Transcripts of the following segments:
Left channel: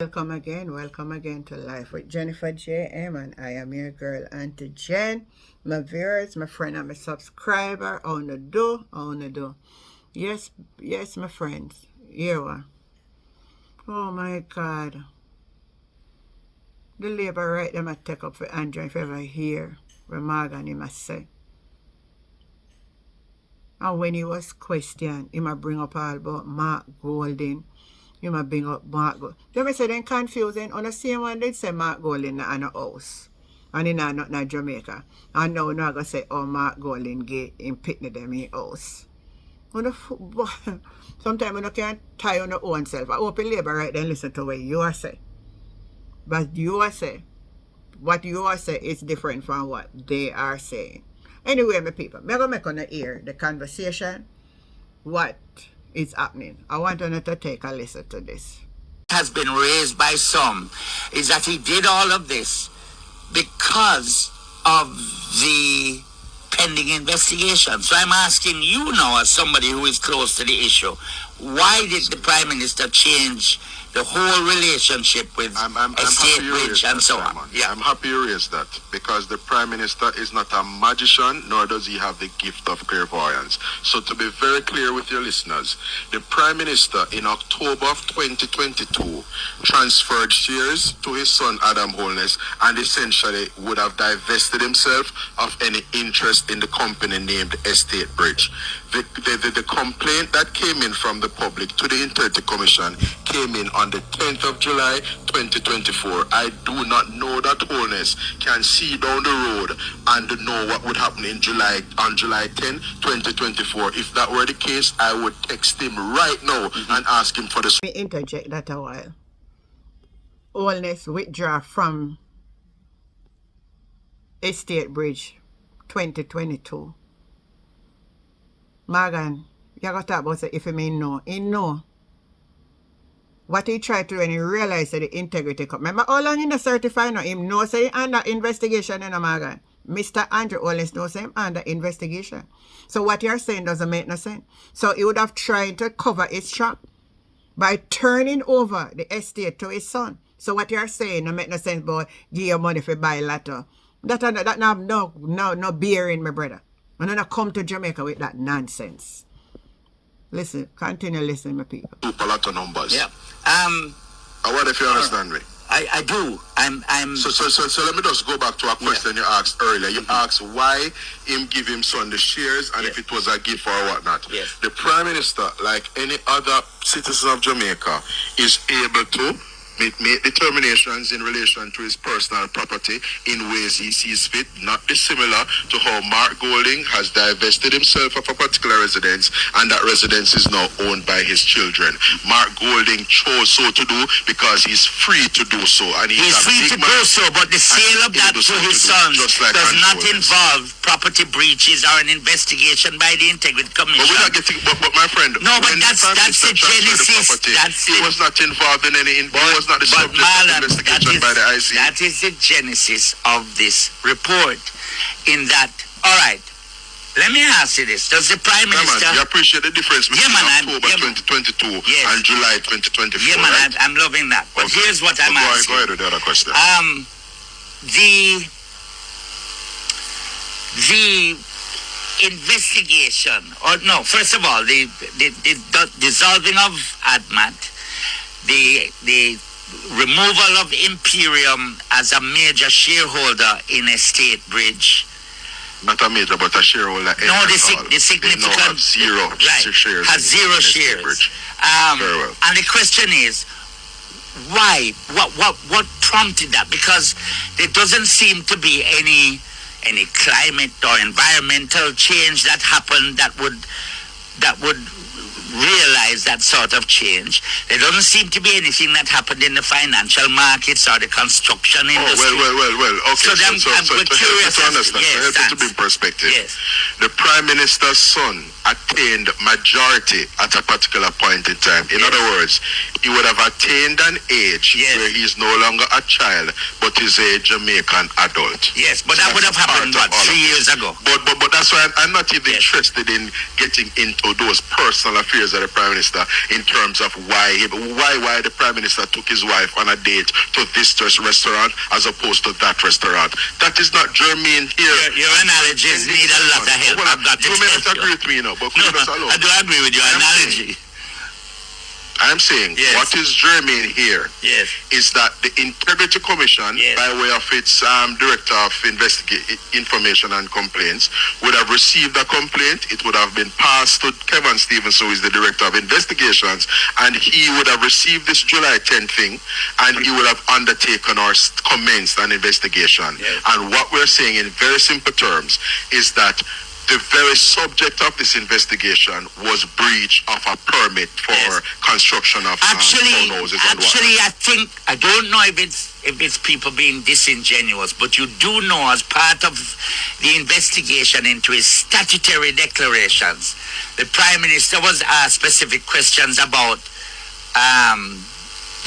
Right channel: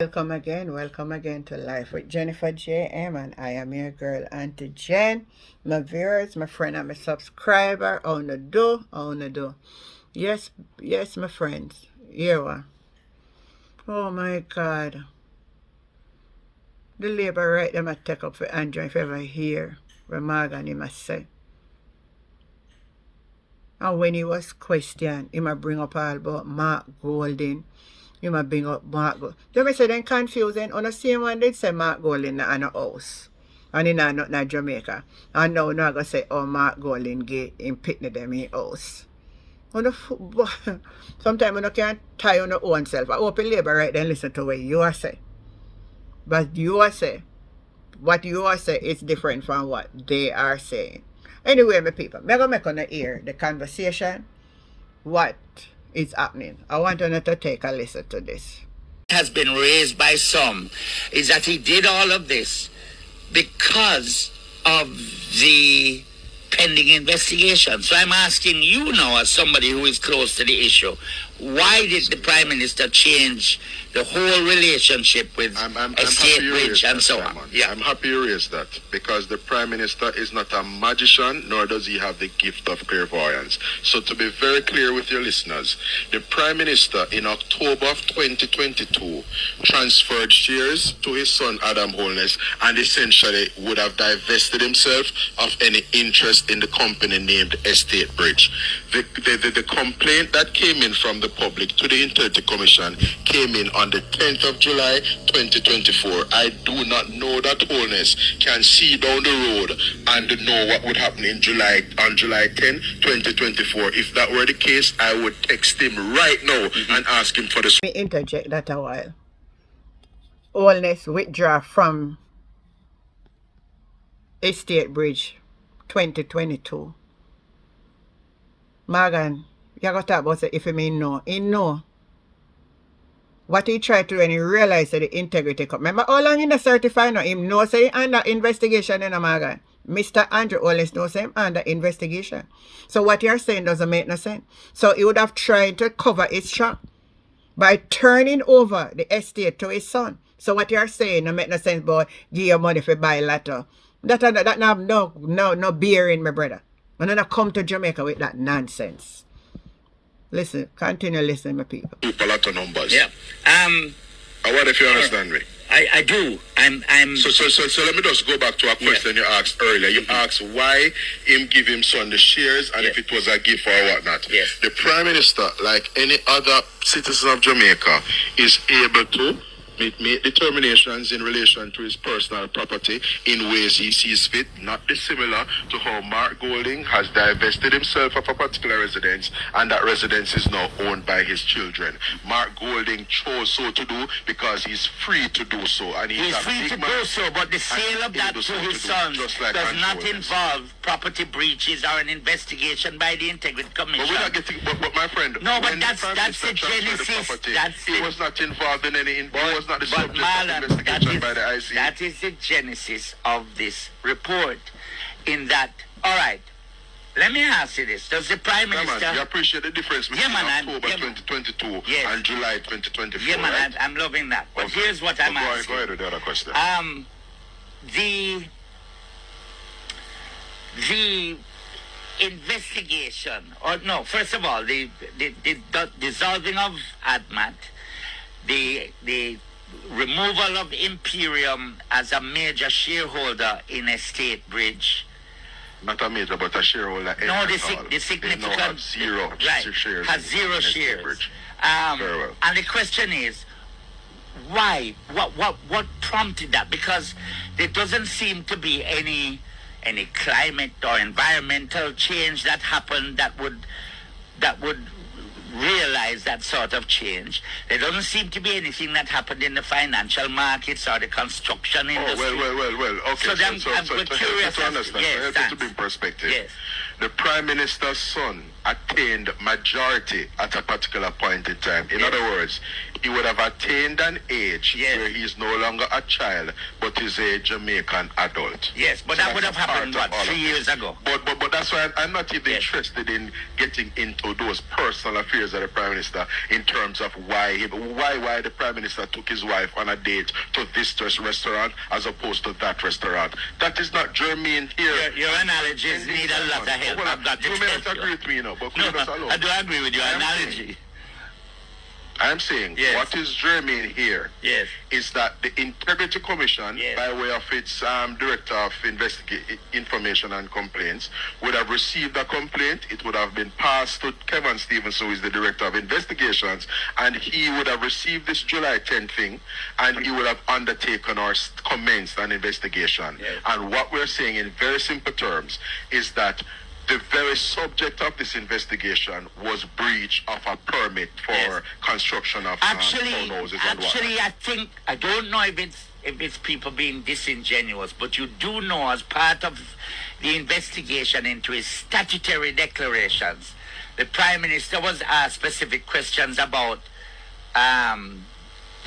Welcome again to Life with Jennifer J.M. and I am your girl, Auntie Jen. My viewers, my friend, and my subscriber, how you do, how you do. Yes, my friends, here we are. Oh my God. The labor right them I take up for Andrew if ever hear what Morgan him a say. And when he was questioned, he might bring up all about Mark Golding. You might bring up Mark Golding. They say they're confusing. On the same one, they say Mark Golding in a house. And in not in Jamaica. And now not going to say, oh, Mark Golding get in pitney them in house. On the sometimes you can't tie on your own self. I open labor right then listen to what you are say. But you are say, what you are say is different from what they are saying. Anyway, my people, I'm going to make on the ear the conversation. What is happening? I want you to take a listen to this. Has been raised by some is that he did all of this because of the pending investigation. So I'm asking you now, as somebody who is close to the issue, why did the Prime Minister change the whole relationship with Estate Bridge and so on? Yeah. I'm happy you raised that, because the Prime Minister is not a magician, nor does he have the gift of clairvoyance. So to be very clear with your listeners, the Prime Minister in October of 2022 transferred shares to his son Adam Holness and essentially would have divested himself of any interest in the company named Estate Bridge. The complaint that came in from the public to the Integrity Commission came in on the 10th of July 2024. I do not know that Holness can see down the road and know what would happen on July 10, 2024. If that were the case, I would text him right now and ask him for the... Let me interject that a while. Holness withdraw from Estate Bridge 2022. Morgan, you got to talk about it if you mean no. He know. What he tried to do when he realized that the integrity come. Remember how long in the certify now? Him know say under investigation in Morgan. Mr. Andrew Holness knows him under investigation. So what you're saying doesn't make no sense. So he would have tried to cover his track by turning over the estate to his son. So what you're saying don't make no sense, boy. Give your money for buy latter. That have no bearing, my brother. And then I come to Jamaica with that nonsense. Listen, continue listening, my people. A lot of numbers. Yeah. What if you understand me? I do. I'm. So let me just go back to a question you asked earlier. You asked why him give him son the shares and if it was a gift or whatnot. Yes. The Prime Minister, like any other citizen of Jamaica, is able to make determinations in relation to his personal property in ways he sees fit, not dissimilar to how Mark Golding has divested himself of a particular residence, and that residence is now owned by his children. Mark Golding chose so to do because he's free to do so. And he's free to do so, but the sale of that to his sons does not involve property breaches or an investigation by the Integrity Commission. But we're not getting, but my friend, no, but that's the genesis. He was not involved in any... Not the subject Marlon, of investigation by the IC. That is the genesis of this report. In that, all right, let me ask you this. Does the Prime Minister... Man, you appreciate the difference between October 2022 and July 2024, yeah, man, right? I'm loving that. But here's what I'm asking. Go ahead with the other question. The investigation, or no, first of all, the dissolving of ADMAT, the removal of Imperium as a major shareholder in Estate Bridge. Not a major, but a shareholder. No, the significant... They now have zero shares. Has zero shares. Very well. And the question is, why? What prompted that? Because there doesn't seem to be any climate or environmental change that happened that would realize that sort of change. There doesn't seem to be anything that happened in the financial markets or the construction industry. Well. Okay. So I'm curious to understand. Yes, to be in perspective. Yes. The Prime Minister's son attained majority at a particular point in time. In other words, he would have attained an age where he's no longer a child, but is a Jamaican adult. Yes, but so that would have happened, 3 years ago? But that's why I'm not even interested in getting into those personal affairs affairs of the Prime Minister in terms of why the Prime Minister took his wife on a date to this restaurant as opposed to that restaurant. That is not germane here. Your analogies need a lot of help. You may not agree with me, but no, I do agree with your analogy. I'm saying what is germane here is that the Integrity Commission, by way of its Director of Information and Complaints, would have received a complaint. It would have been passed to Kevin Stevens, who is the Director of Investigations, and he would have received this July 10th thing, and he would have undertaken or commenced an investigation. And what we're saying in very simple terms is that the very subject of this investigation was breach of a permit for construction of townhouses and whatnot. I don't know if it's people being disingenuous, but you do know as part of the investigation into his statutory declarations, the Prime Minister was asked specific questions about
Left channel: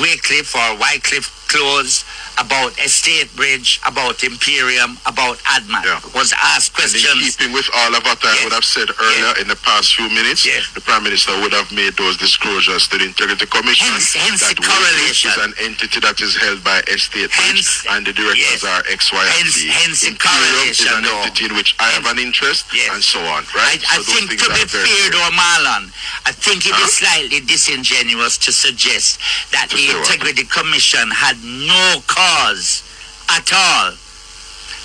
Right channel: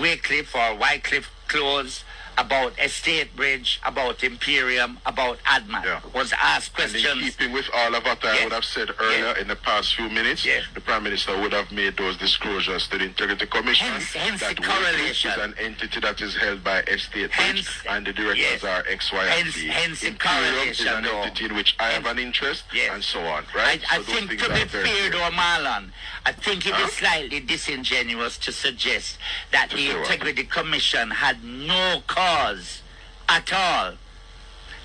Wycliffe or Wycliffe Close, about Estate Bridge, about Imperium, about Adman. Was asked questions. And in keeping with all of what I would have said earlier in the past few minutes, the Prime Minister would have made those disclosures to the Integrity Commission. Hence that the correlation. Is an entity that is held by Estate Bridge, and the directors are X, Y, and Z. Hence the Imperium correlation, is an entity in which I have an interest, and so on, right? I think, to be fair, though, Marlon, I think it is slightly disingenuous to suggest that the Integrity Commission had no cause at all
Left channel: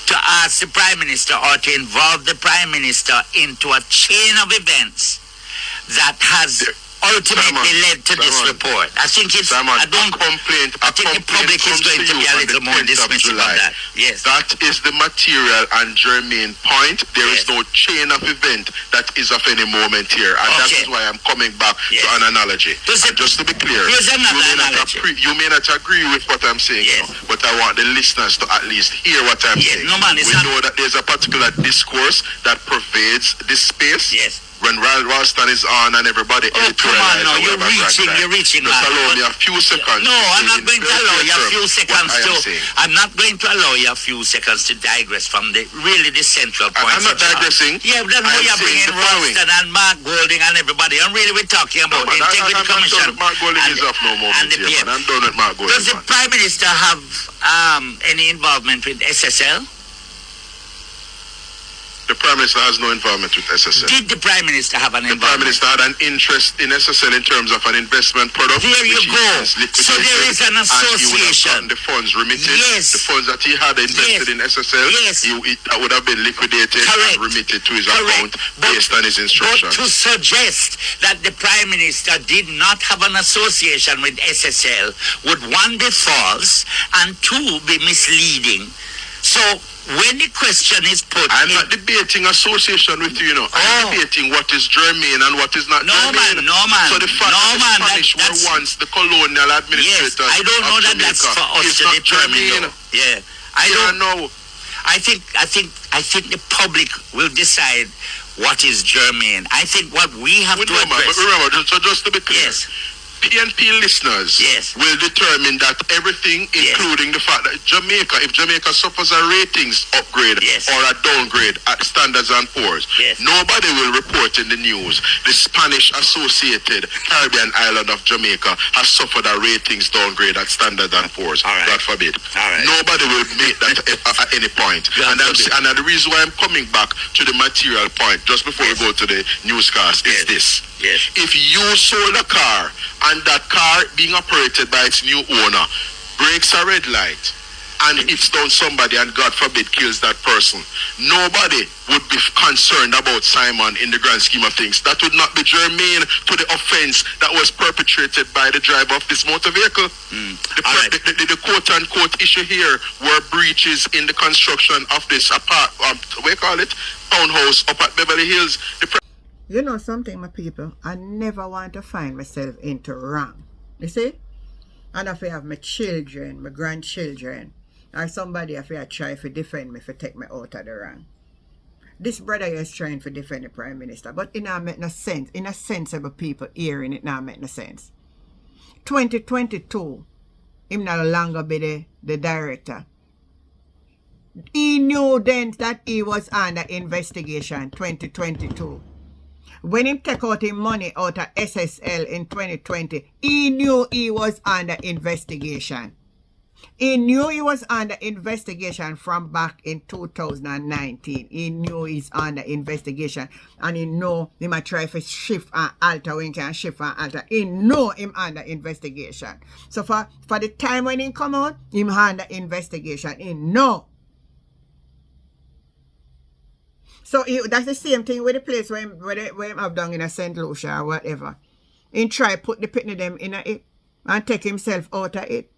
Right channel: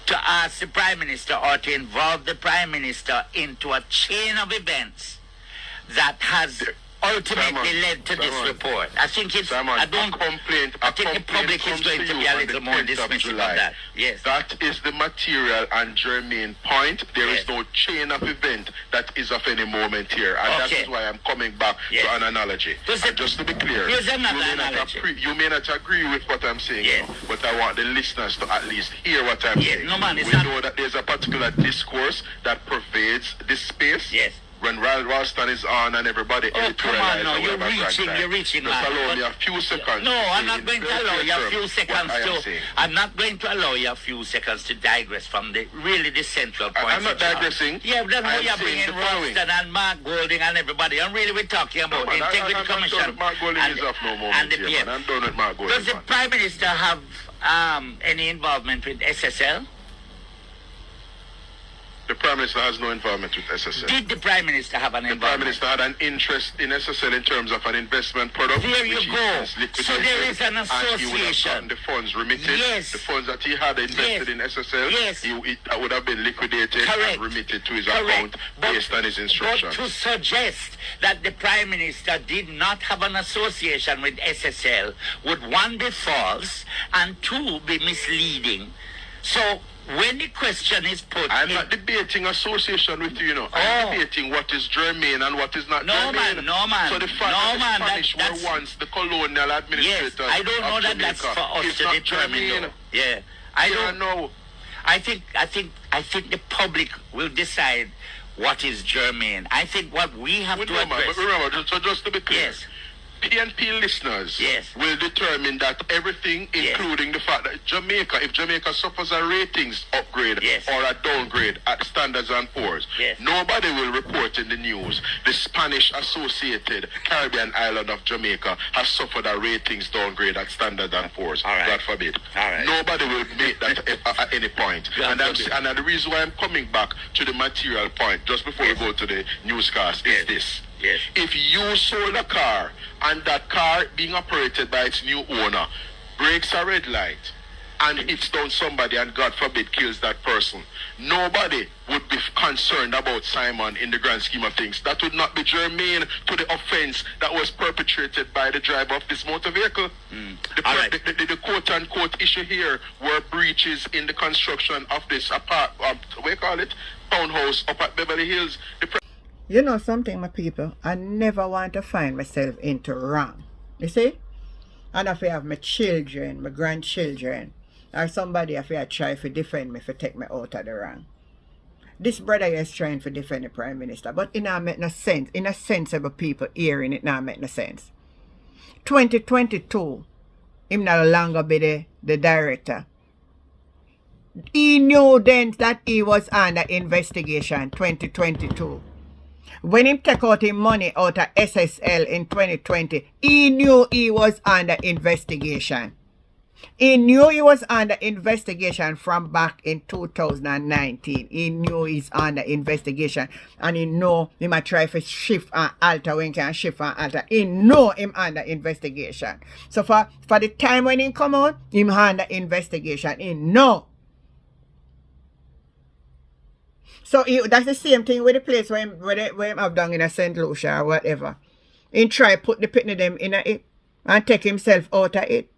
to ask the Prime Minister or to involve the Prime Minister into a chain of events that has ultimately led to this report. I think it's I think the public is going to be a little more dismissive of that. Yes. That is the material and germane point. There is no chain of event that is of any moment here. And that is why I'm coming back to an analogy. And just to be clear, you may not agree with what I'm saying, but I want the listeners to at least hear what I'm saying. No, man, we know that there's a particular discourse that pervades this space. Yes. When Ralston is on and everybody come on, no, you're reaching, just allow me a few seconds. No, I'm not going to allow you a few seconds to. I'm not going to allow you a few seconds to digress from the central point. I'm not digressing. Yeah, but then you're bringing Ralston and Mark Golding and everybody, and really we're talking about the Integrity Commission. Mark Golding is off no moment here, man. I'm done with Mark Golding. Does the Prime Minister have any involvement with SSL? The Prime Minister has no involvement with SSL. Did the Prime Minister have an involvement? The Prime Minister had an interest in SSL in terms of an investment product. There you go. So there is an association. And the funds remitted. Yes. The funds that he had invested in SSL, that would have been liquidated and remitted to his account based on his instructions. But to suggest that the Prime Minister did not have an association with SSL would, one, be false, and two, be misleading. So when the question is put, I'm not debating association with you, I'm debating what is germane and what is not germane. No, man. So the fact that the Spanish were once the colonial administrators. Yes, I don't know that Jamaica, that's for us to determine. Yeah, I don't know. I think the public will decide what is germane. I think what we have to address. But remember, so just to be clear. Yes. PNP listeners will determine that everything, including the fact that if Jamaica suffers a ratings upgrade or a downgrade at Standards and Poor's, nobody will report in the news the Spanish associated Caribbean island of Jamaica has suffered a ratings downgrade at Standards and Poor's. God forbid. Nobody will make that at any point. And the reason why I'm coming back to the material point just before we go to the newscast is this. If you sold a car and that car being operated by its new owner breaks a red light and hits down somebody and God forbid kills that person, nobody would be concerned about Simon in the grand scheme of things. That would not be germane to the offense that was perpetrated by the driver of this motor vehicle. The quote-unquote issue here were breaches in the construction of this townhouse up at Beverly Hills. You know something, my people? I never want to find myself into wrong. You see? And if I have my children, my grandchildren, or somebody if I try to defend me, to take me out of the wrong. This brother is trying to defend the Prime Minister, but it not make no sense. In a sensible people hearing it not make no sense. 2022, him no longer be the director. He knew then that he was under investigation, 2022. When him take out him money out of SSL in 2020, he knew he was under investigation. He knew he was under investigation from back in 2019. He knew he's under investigation. And he know he might try to shift and alter when he can shift and alter. He know him under investigation. So for the time when he come out, him under investigation. He know. So that's the same thing with the place where him have done in a St. Lucia or whatever. He try put the pitney them in it and take himself out of it.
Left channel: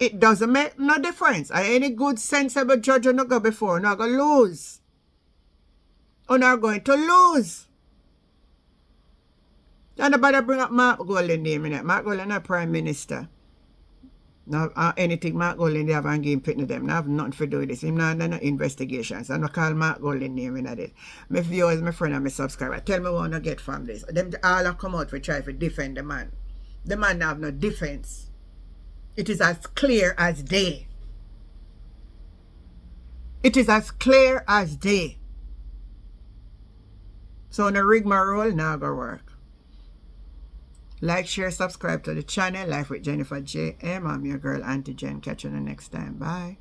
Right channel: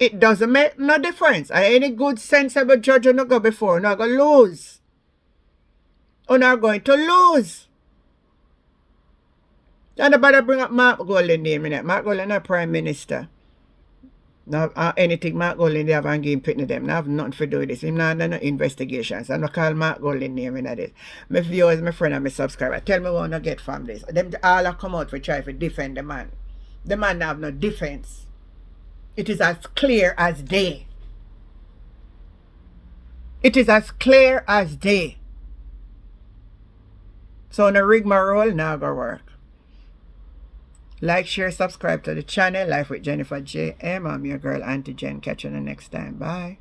It doesn't make no difference. Any good sensible judge will not go before, not going to lose. Or not going to lose. And nobody bring up Mark Golding name in it. Mark Golding is Prime Minister. Now, anything Mark Golding they have and give pitney them. Now have nothing to do with this. Him not no investigations. I'm not call Mark Golding name in this. My viewers, my friend and my subscriber, tell me what I get from this. Them all have come out to try to defend the man. The man have no defense. It is as clear as day. It is as clear as day. So no rigmarole, now go work. Like, share, subscribe to the channel. Life with Jennifer J.M. I'm your girl, Auntie Jen. Catch you the next time. Bye.